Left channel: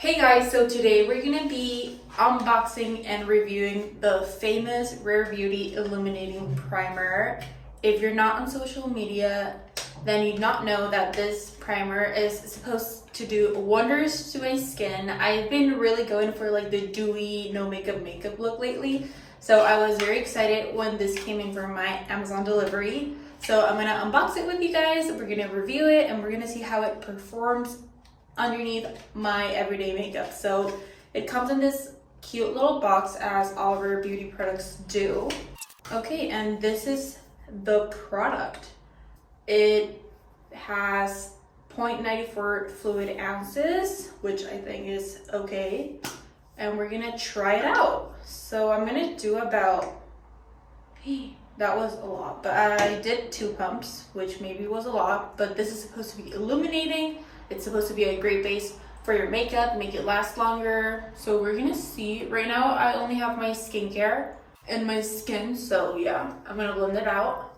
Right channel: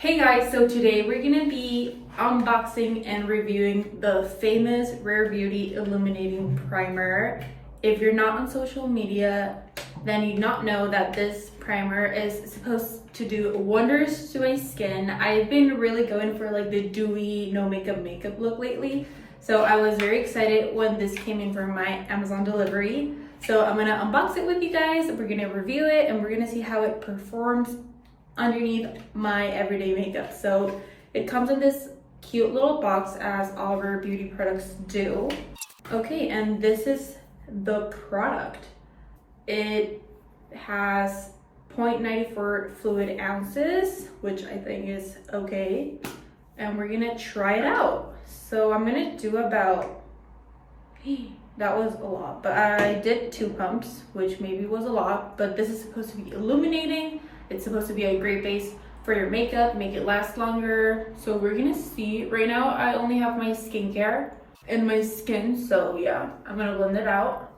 Hey guys, so today we're gonna be unboxing and reviewing the famous Rare Beauty Illuminating Primer. If you're not on social media, then you'd not know that this primer is supposed to do wonders to my skin. I've been really going for like the dewy, no makeup look lately. So I was very excited when this came in from my Amazon delivery. So I'm gonna unbox it with you guys. We're gonna review it and we're gonna see how it performs underneath my everyday makeup. So it comes in this cute little box as all of our beauty products do. Okay, and this is the product. It has 0.94 fluid ounces, which I think is okay. And we're gonna try it out. So I'm gonna do about, that was a lot, but I did 2 pumps, which maybe was a lot, but this is supposed to be illuminating. It's supposed to be a great base for your makeup, make it last longer. So we're gonna see. Right now, I only have my skincare and my skin. So yeah, I'm gonna blend it out.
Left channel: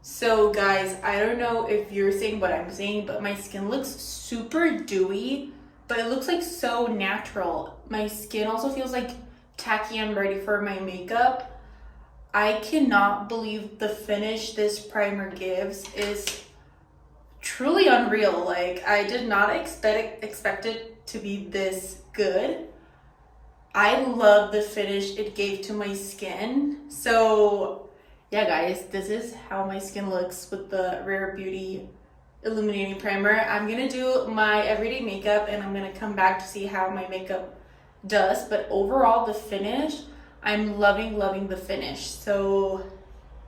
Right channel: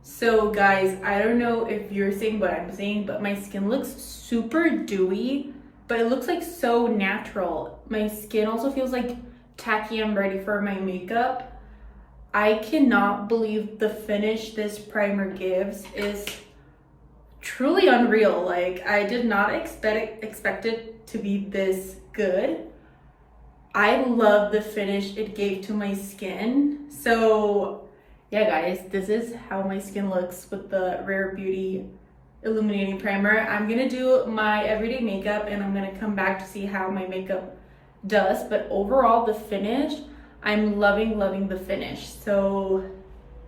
So guys, I don't know if you're seeing what I'm seeing, but my skin looks super dewy, but it looks like so natural. My skin also feels like tacky and ready for my makeup. I cannot believe the finish this primer gives is truly unreal. Like, I did not expect it to be this good. I love the finish it gave to my skin. So yeah guys, this is how my skin looks with the Rare Beauty Illuminating Primer. I'm gonna do my everyday makeup and I'm gonna come back to see how my makeup does, but overall the finish, I'm loving the finish. So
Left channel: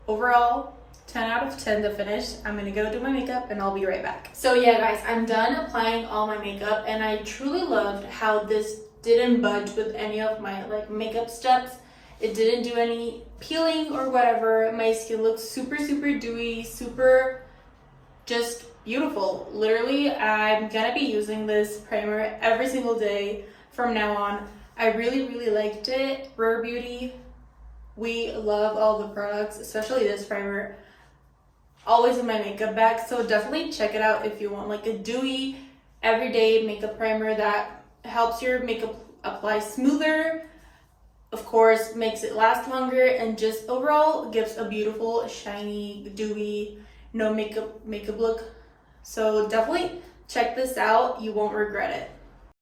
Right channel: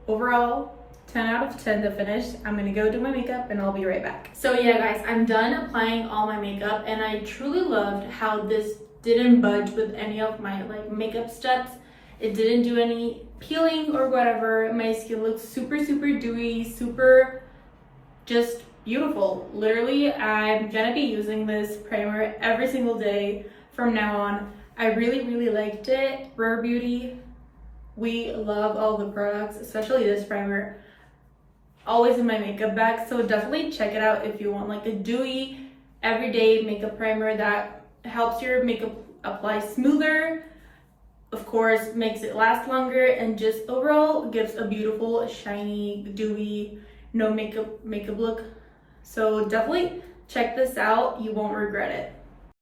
overall 10 out of 10 the finish. I'm gonna go do my makeup and I'll be right back. So yeah guys, I'm done applying all my makeup and I truly loved how this didn't budge with any of my like makeup steps. It didn't do any peeling or whatever. My skin looks super dewy, super just beautiful. Literally, I'm gonna be using this primer every single day from now on. I really liked it. Rare Beauty, we love all the products, especially this primer. Always in my makeup bag, so definitely check it out if you want like a dewy everyday makeup primer that helps your makeup apply smoother, of course makes it last longer, and just overall gives a beautiful shiny dewy no makeup look. So definitely check this out, you won't regret it.